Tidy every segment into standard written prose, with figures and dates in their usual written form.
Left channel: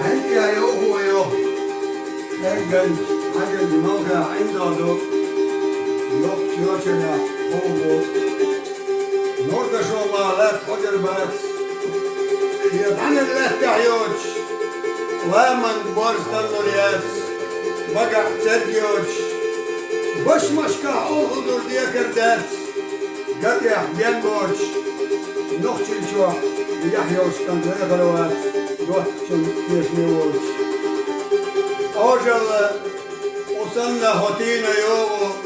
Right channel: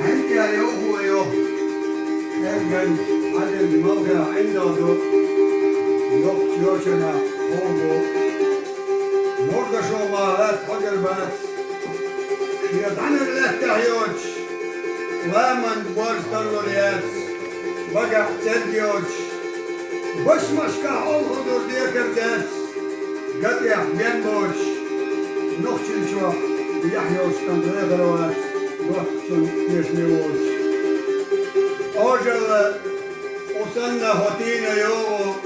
عندي يا هو يوم لكن عدد الموقع عنده يوشنا هو نورد شو الله لا تحجر بس يطعن الله تحيوش ومن بورس تنوريات بقع تديوش بش مشكا أوهدور ديكر دات قطع بين بوش نخشي شو بيحيوش كان غلوات وقتشن يشميوش أوجل وصلنا هاتينا يوم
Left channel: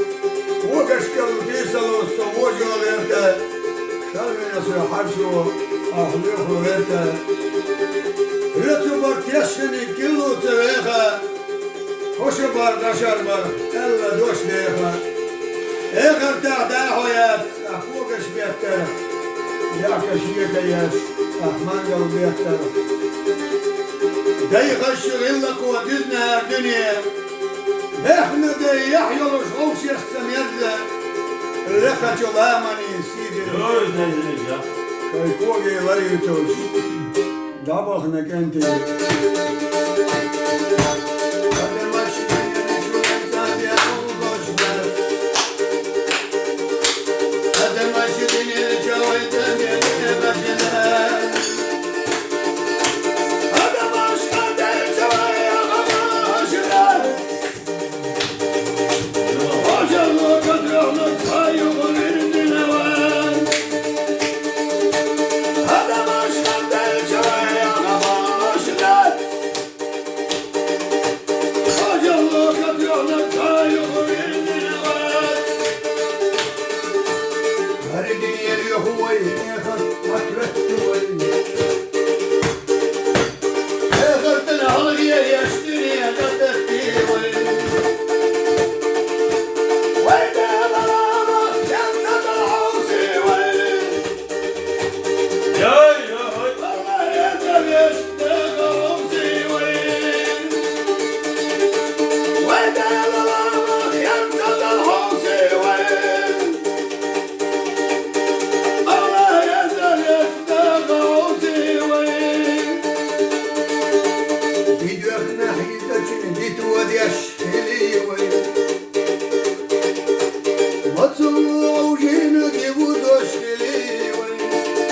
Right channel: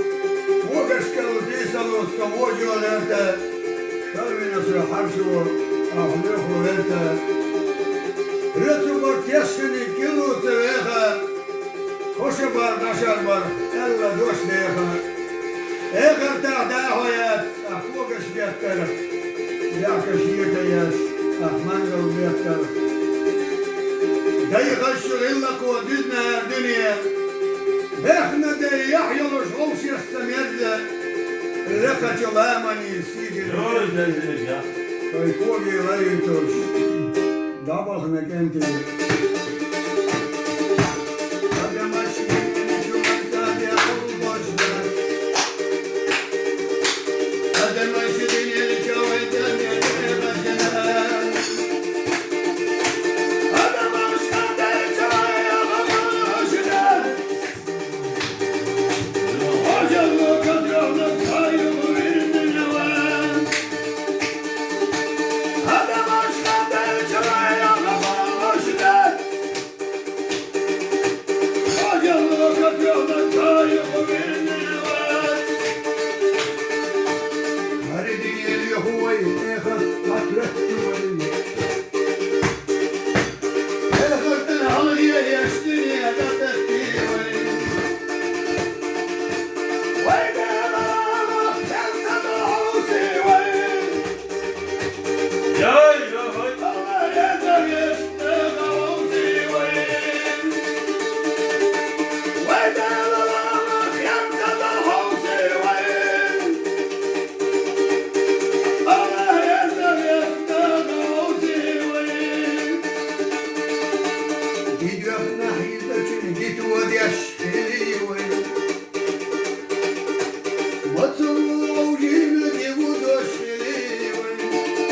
وقش كالوتيسل والسموجي والإرتا شرمي نسو يحرشو أخليخو إرتا رتو برتيشني كيلو تريخا خوش بار دشار بار ألا دوش ديخا إخر تعداه يات أخوكش بيكتر ياكش يكيش أحمانجل بيكتر داي غشغل لك ودزنا الدنيا احنا دي يحيلوش غوش يستمر الرقة جلامني سيدي كيفوقي غيرتوش دابخنك انتي Hayır.